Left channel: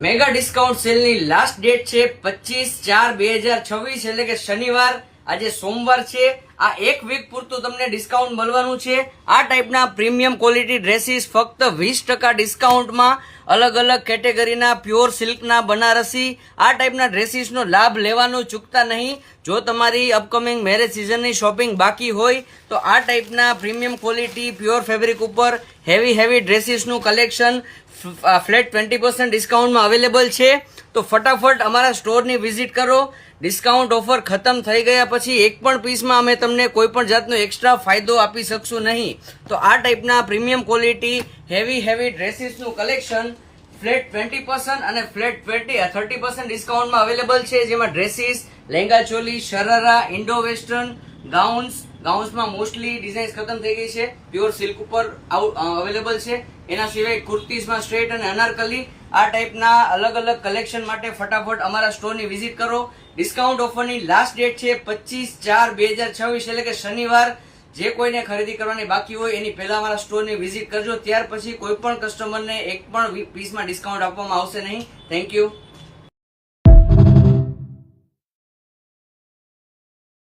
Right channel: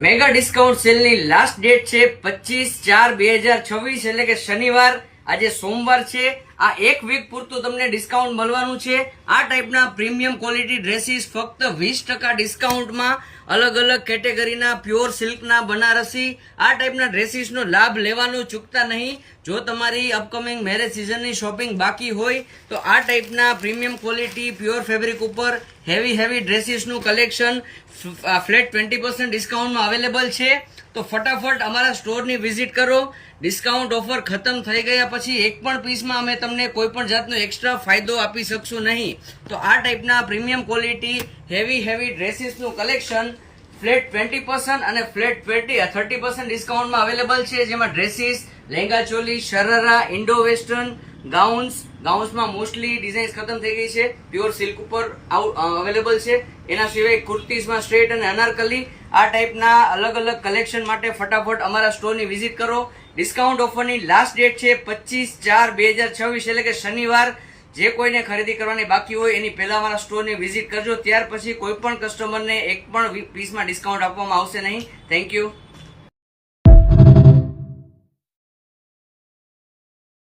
Mega discount સેલની last date છે 25/4/2026 એટલે કે શનિવાર. આજે સોમવાર છે. આ એક વીક પૂરતું તમને ડિસ્કાઉન્ટ મળવાનું છે. આ ટાઈપના પ્રીમિયમ ક્વોલિટી ડ્રેસીસ ફક્ત 20% ડિસ્કાઉન્ટમાં અલગ અલગ કેટેગરીના પ્યોર સિલ્કના બનારસી આ ટાઈપના ડ્રેસીસનો લાભ લેવાનું ચૂકતા નહીં. જો તમારી અપકમિંગ મેરેજ સિઝનની શોપિંગ બાકી હોય તો આ ટાઈપના પ્રીમિયમ ક્વોલિટી પ્યોર ફેબ્રિક ઉપર હેવી ડ્રેસીસનું કલેક્શન ફ્લેટ 20% ડિસ્કાઉન્ટમાં અવેલેબલ છે. તો ફટાફટ અમારા સ્ટોરની વિઝિટ કરો. ડિસ્કાઉન્ટ ઓફર ખતમ થઈ ગયા પછી એક પણ પીસમાં અમે તમને કોઈ પણ જાતનો એક્સ્ટ્રા ફાયદો આપી શકશું નહીં. તો આ ટાઈપના પ્રીમિયમ ક્વોલિટી હેવી ડ્રેસીસનું કલેક્શન ફ્લેટ 20% અને ફ્લેટ 30% ડિસ્કાઉન્ટમાં અવેલેબલ છે. જેમાં dresses, lehenga choli, sharara, Indo western, ગાઉન્સમાં મોસ્ટલી ડિઝાઇન્સ ખતમ થઈ ગઈ છે. પ્યોર સિલ્ક ઉપર અવેલેબલ છે. એના સિવાય કુર્તીઝમાં સ્ટ્રેટ અને અનારકલી આ ટાઈપના અલગ અલગ કલેક્શન માટે ફટાફટ અમારા સ્ટોરની વિઝિટ કરો. ડિસ્કાઉન્ટ ઓફરની લાસ્ટ ડેટ છે 25/4/2026 એટલે કે શનિવાર. જે કોઈને ખરીદી કરવાની બાકી હોય એની પહેલા અમારા સ્ટોરની વિઝિટ કરજો. ત્યાર પછી કોઈ પણ કસ્ટમરને એક પણ પીસમાં ડિસ્કાઉન્ટ આપવામાં આવશે નહીં. Thank you.